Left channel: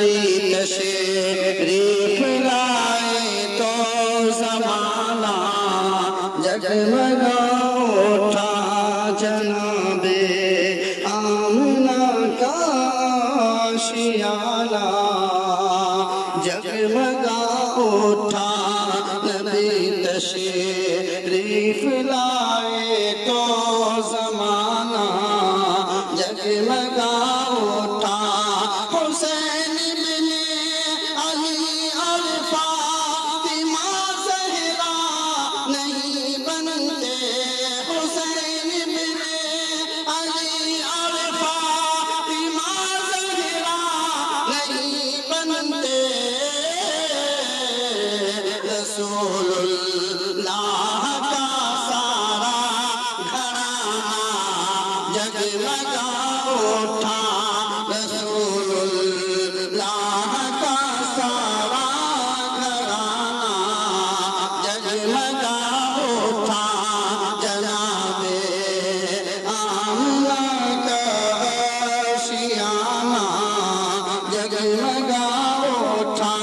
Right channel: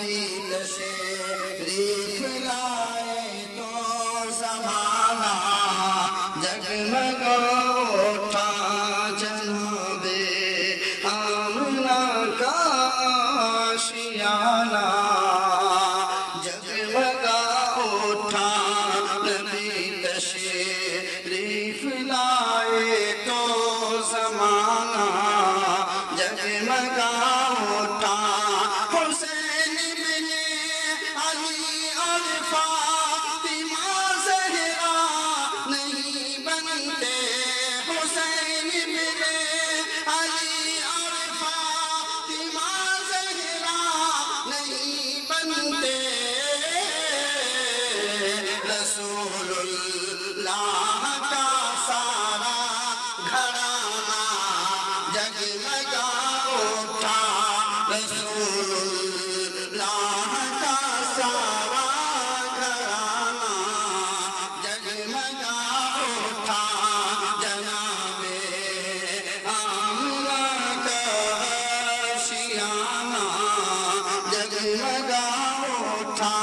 نبی تشریف لائے تو زمانہ جگمگا اٹھا جناب آمنہ کا آشیانہ جگمگا اٹھا نبی تشریف لائے تو زمانہ جگمگا اٹھا حسین بن علی اور فاطمہ زہرا نہیں بنتے حسین بن علی اور فاطمہ زہرا نہیں بنتے رسول اللہ کا سارا گھرانہ جگمگا اٹھا رسول اللہ کا سارا گھرانہ جگمگا اٹھا جناب آمنہ کا آشیانہ جگمگا اٹھا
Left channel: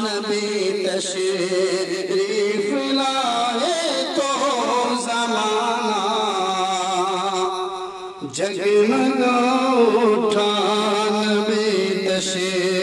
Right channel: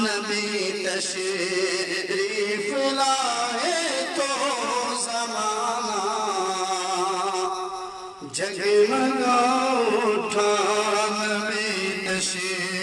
نبی تشریف لائے تو زمانہ جگمگا اٹھا نبی تشریف